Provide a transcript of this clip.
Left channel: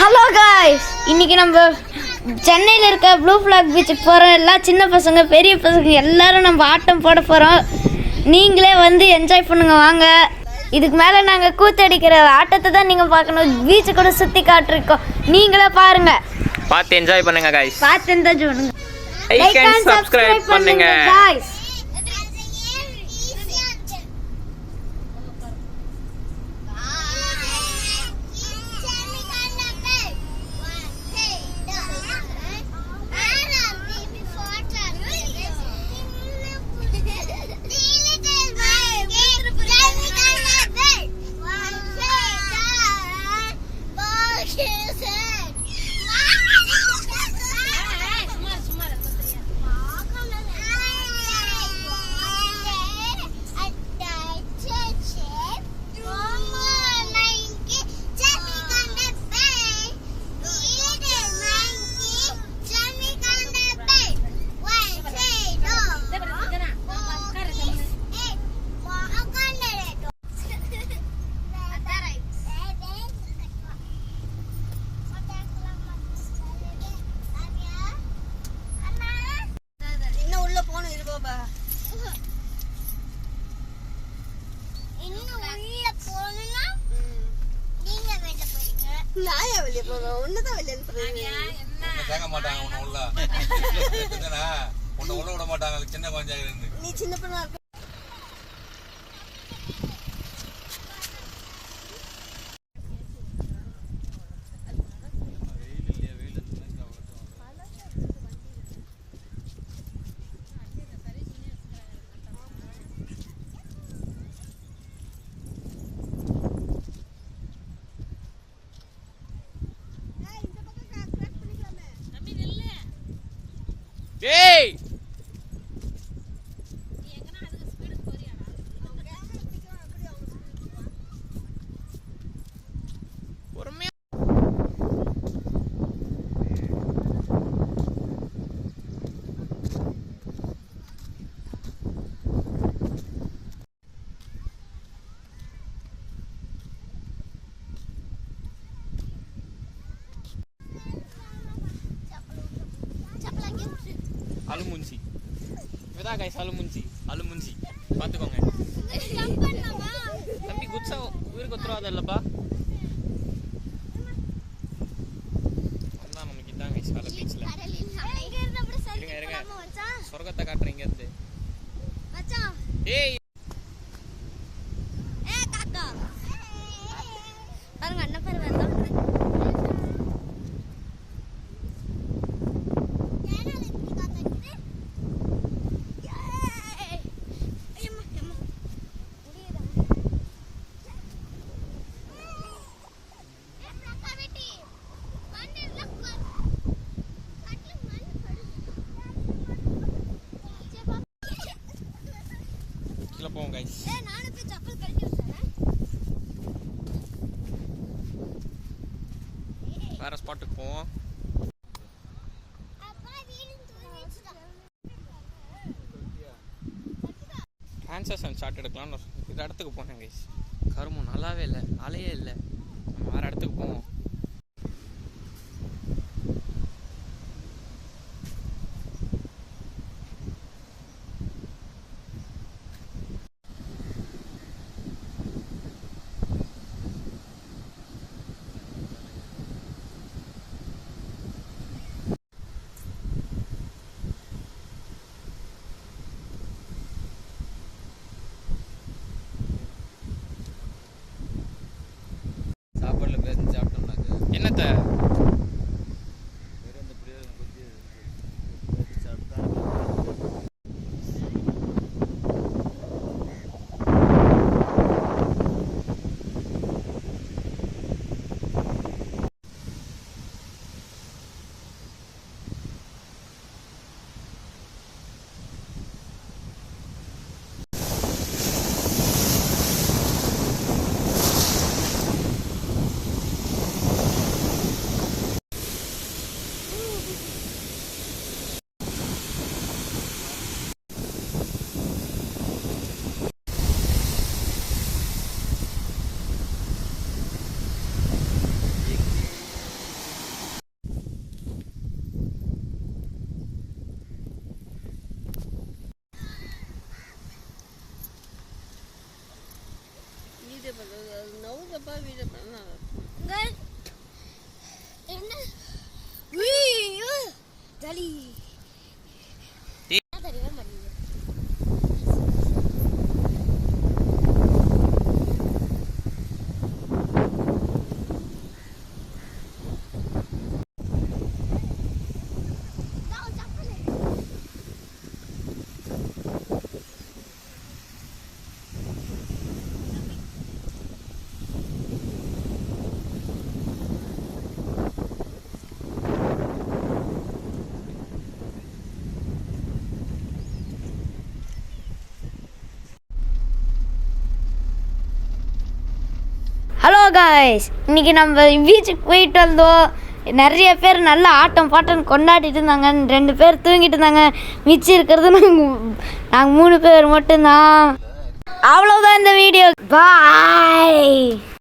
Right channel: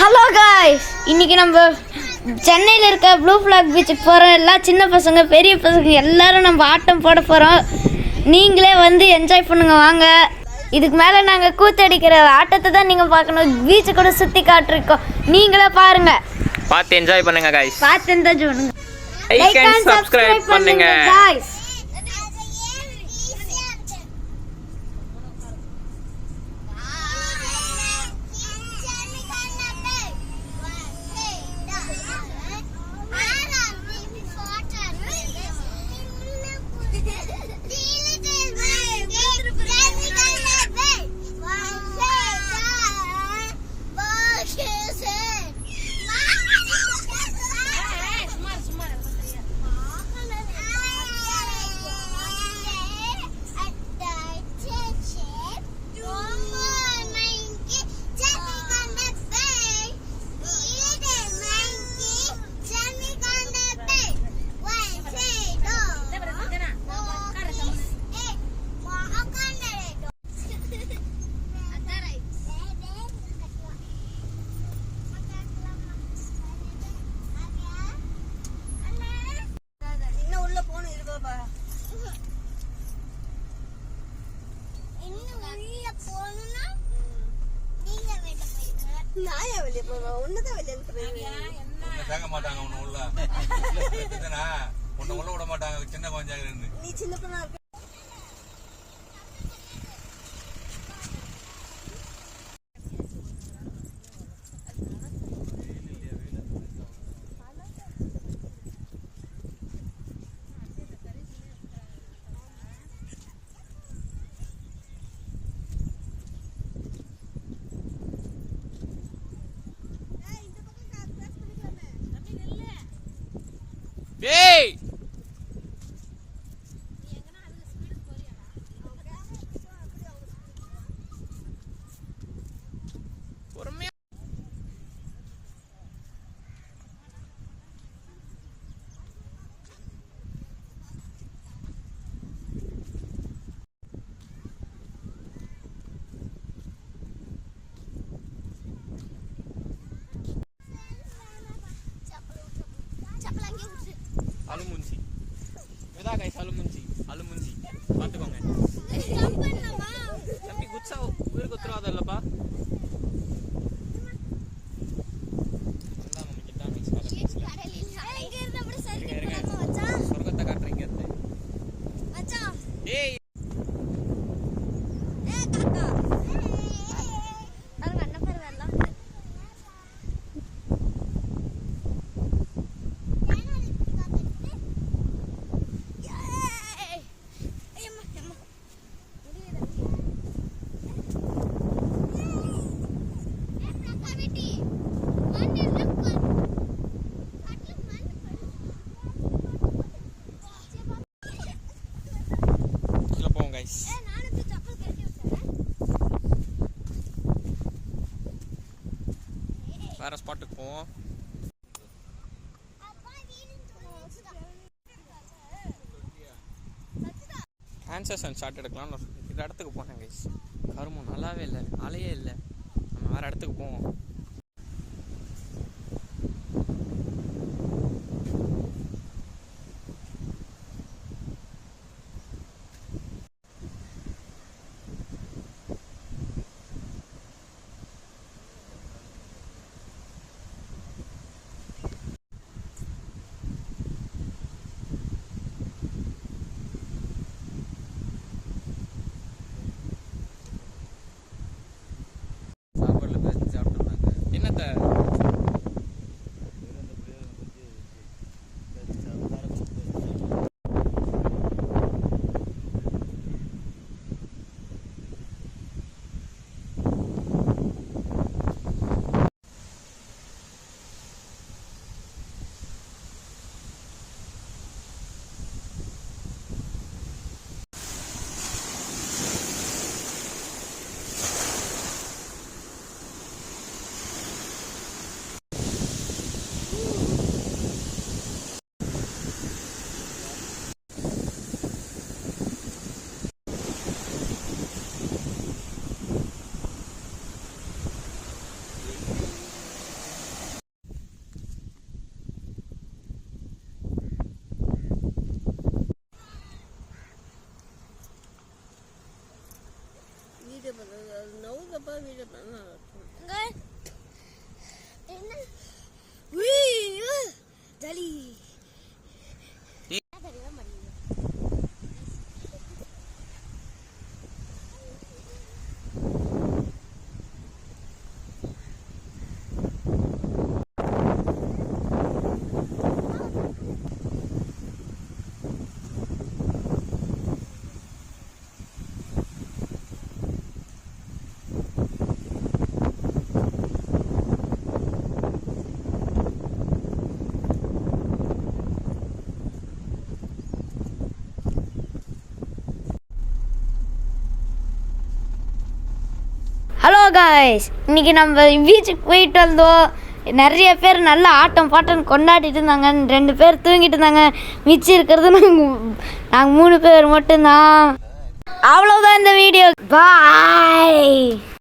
Hello guys, இன்னைக்கு நம்ம சென்னையில் இருக்க ப்ளூ ஃப்ளாக் பீச்சுக்கு போகிறோம். எல்லாம் சின்ன பசங்க பெரிய பசங்க எல்லாரும் நம்ம ஆட்டம் போட போகிறோம். நீங்களே வந்து என்ஜாய் பண்ணுங்க வாங்க. இதுக்கு மேலே நாங்கள் கூத்தடிக்கிற ஆட்டத்தை தான் நீங்கள் பார்க்கணும். பீச்சை கூட சுற்றி காட்டிருக்கோம், நீங்களே பாருங்க, பார்த்து என்ஜாய் பண்ணுங்க காய்ஸ். பார்த்து என்ஜாய் பண்ணுங்க. லைக் அண்ட் சப்ஸ்கிரைப் பண்ணுங்க காய்ஸ். ஏய் பொறுமையா அலுமுஞ்சி இதான் கைஸ், அலுமுஞ்சி பார்த்துக்கோங்க தம்பி. குச்சா உயிருக்கு உத்தரவாதம் இல்லப்பா. அதான் நமக்கு இதான் கைஸ் வேலை பீச்சில். இருங்க சொர்க்கத்தை காட்டுறேன் இங்க இருந்து. ஏய் வேற ஸ்பாட்டுக்கு போவோம். ஆன்சர்ஸ் அண்ட் ஷார்ட் எடுக்கலாம்னு இந்த இடத்துக்கு போனேன் கைஸ். கருமம் நல்லாவே இல்லை, அலையே இல்லை. நம்ம வேற இடத்துக்கு போவோம். என்னத்த காய்ஸ் இன்னைக்கு நம்ம பீச்சுக்கு போயிட்டு வந்தோம். நிறைய பேர் நல்ல ஆட்டம் பாட்டம் கொண்டாடிட்டு இருந்தாங்க. 2 பேர் தூங்கிட்டு இருந்தாங்க. மிச்சம் இருக்கிறது நாங்கள் 3 பேர் மட்டும்தான். அவ்வளோதான் இந்த வீடியோ. பாய்.